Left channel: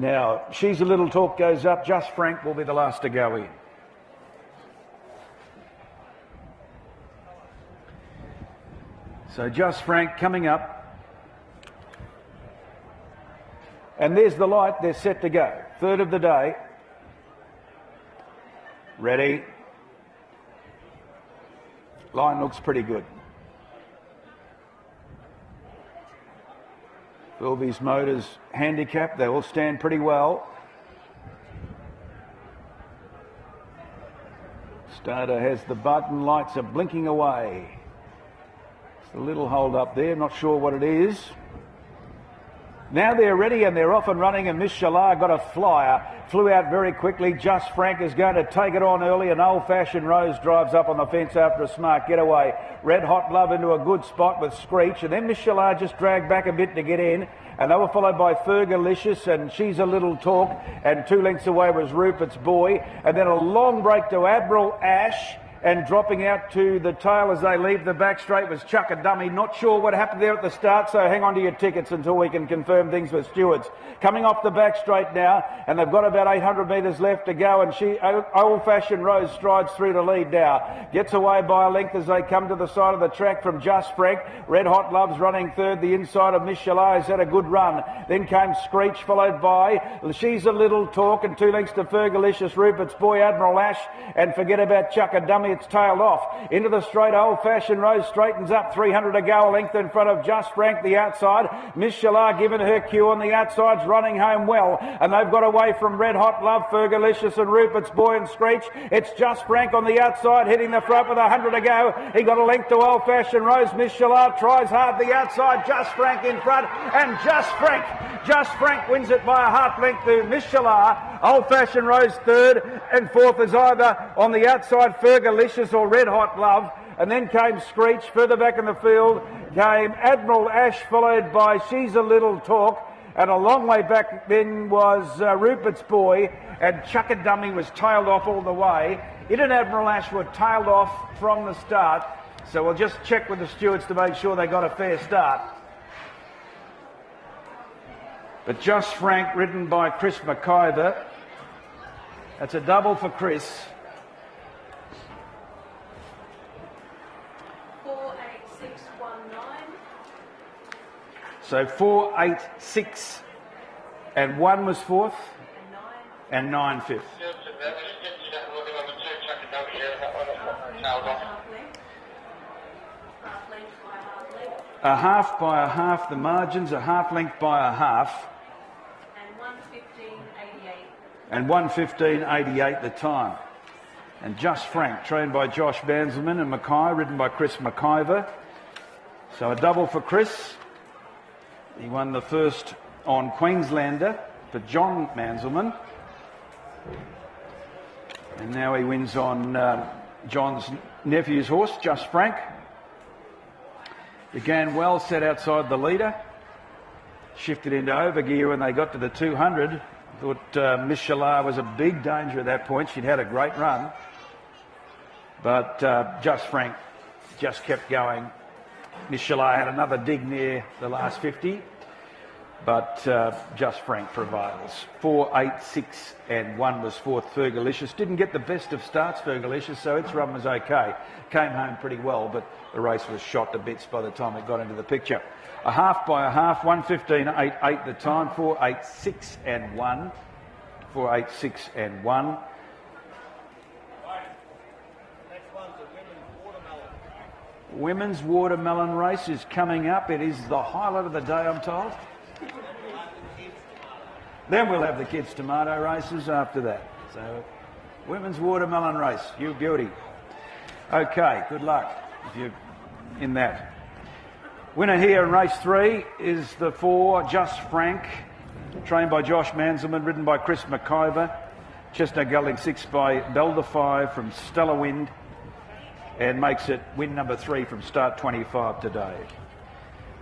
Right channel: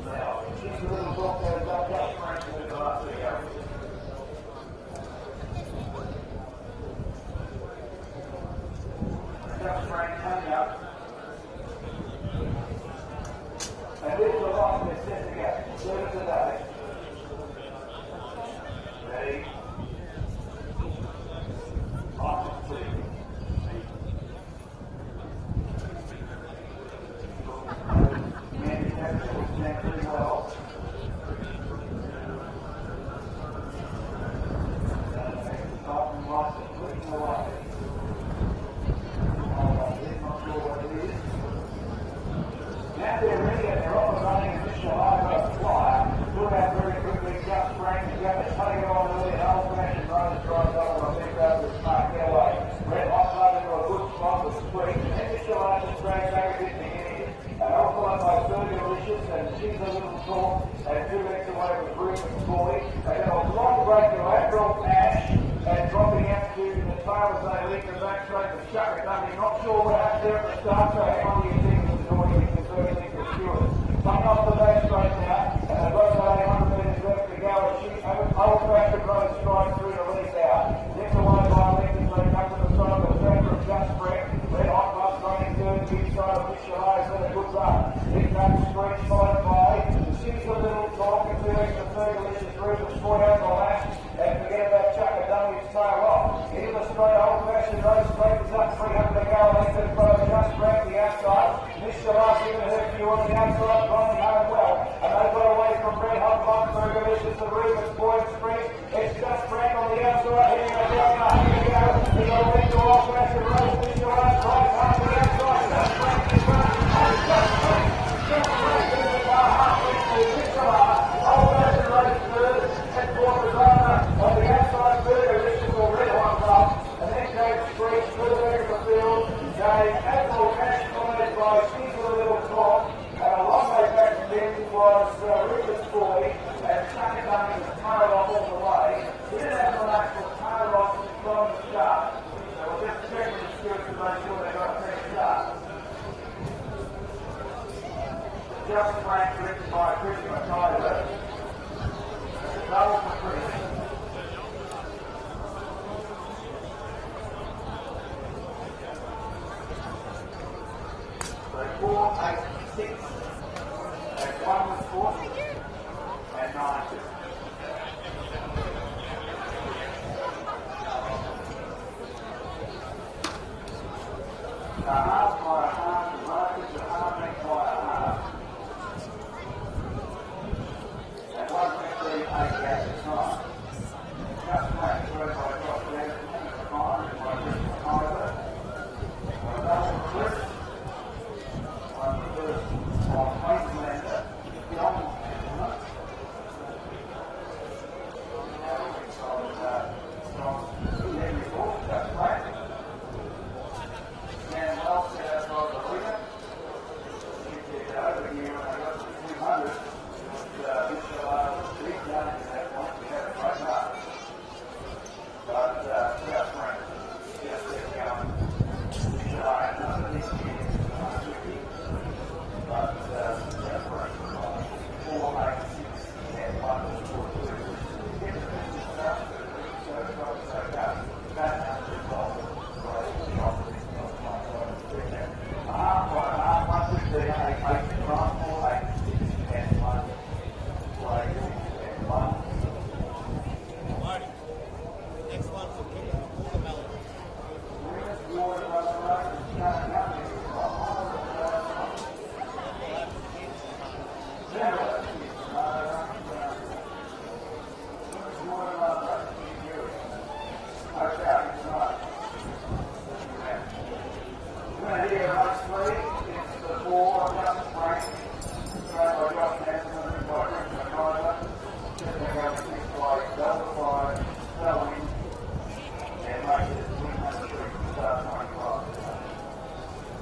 Now, She's a Little Talk goes up. Just Frank will be the last to go in. So Just Frank coming up. And there's the light. They're set to go. Third of the day. Ready. Line looks pretty good. All these motors handicapped, they all stand pretty well. Starter has the button, lights are blinking away. A little hold up there, not sure what it is. Now they're ready and they're off and running, and Miss Shalar got a flyer, flew out very quickly. Just Frank is going to take it on early, and Old Fashioned Rose drives up on the fence after a smart getaway. Red Hot Love into a good spot with Screech, and then Miss Shalar just dragged back a bit to get in, and they were followed by Fergalicious and She's a Little Talk, and 2 lengths away was Rupert's Boy, and then a long break to Admiral Ash, and dropping out to the tail as they leave the back straight was Chuck a Dummy. Not sure what happened there at the start, so hang on to your tickets until we can confirm things with stewards. Coming off the back straight now, and they've got about 800 metres left to go, and Old Fashioned Rose strides through the lead now. Gets away by a length as they come to the side of the track from Just Frank. Red Hot Love's running third. The inside of Miss Shalar has had a good run. Then came Screech, followed by She's a Little Talk, and 2 lengths to Fergalicious, Rupert's Boy, Admiral Ash, and forget about Chuck a Dummy. It's tailed off. Into the straight, Old Fashioned Rose straightens up, 300 to go, a length in front of Just Frank, the outside. Miss Shalar giving her cue on the outside's running home well, and they've got away from Red Hot Love, Fergalicious and Rupert's Boy and Screech. It's Just Frank on the outside, hitting the front with 100 to go. He got a length to Old Fashioned Rose. Miss Shalar tries hard the outside, Just Frank in front, and Just Frank wins it by a half length to Miss Shalar. Old Fashioned Rose third, and fourth is either on the outside Fergalicious or Red Hot Love. And then came Screech. Further back in the field came Admiral Ash, followed by She's a Little Talk. And a long way back then was Rupert's Boy, and Chuck a Dummy was tailed off all the way. It and Admiral Ash were tailed off from the start. So we'll just check with the stewards to make sure they got a fair start. But Just Frank, ridden by Chris McIver. That's a double for Chris. So 4, 8, 6, and 1 was fourth, and 9 fifth. A half by a half, the margins, a half length by a half, and 1:15.88 the time. And Just Frank, trained by Josh Banzelman, and Mackay, ridden by Chris McIver. So a double for Chris. He won the first on Queenslander for John Banzelman. And now he wins on John's nephew's horse, Just Frank. Began well, set outside the leader. Shifted into overgear when they got to the 200. Thought Miss Shalar was a big danger at that point. She'd had a great run. But Just Frank just kept going. Miss Shalar had another dig near the last 50. But Just Frank provides. 4, 8, 6 and 1 was fourth. Fergalicious didn't get the best of starts, Fergalicious, so its run was okay. Came home pretty well, but the race was shot to bits by the time it got into the picture. A half by a half, 1:15.88 the time, 4, 8, 6 and 1. 4, 8, 6 and 1. Women's watermelon race is coming up. It is the highlight of the day, I'm told. Then we'll have the kids' tomato races after that. So, women's watermelon race, you beauty. Okay, good luck in that. Winner here in race 3 is the 4, Just Frank, trained by Josh Banzelman, ridden by Chris McIver. Chestnut Gelding 6 by Belder 5 from Stellar Wind, and makes it win number 3 from start 25 today.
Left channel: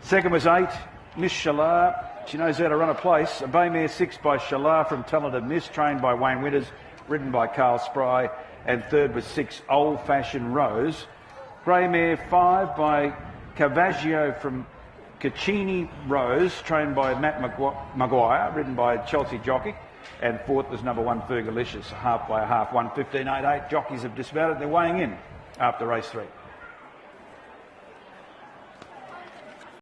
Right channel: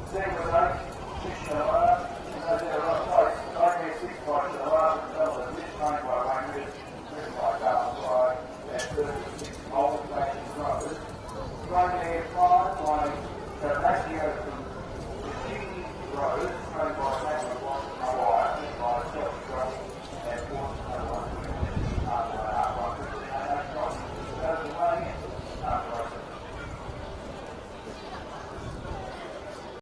Second was 8, Miss Shalar. She knows how to run a place. A Baymare 6 by Shalar from Talented Miss, trained by Wayne Winters, ridden by Carl Spry. And third was 6, Old Fashioned Rose. Greymare 5 by Cavaggio from Caccini Rose, trained by Matt Maguire, ridden by Chelsea Jockey. And fourth was number 1, Fergalicious, half by a half, 1:15.88. Jockeys have dismounted, they're weighing in after race 3.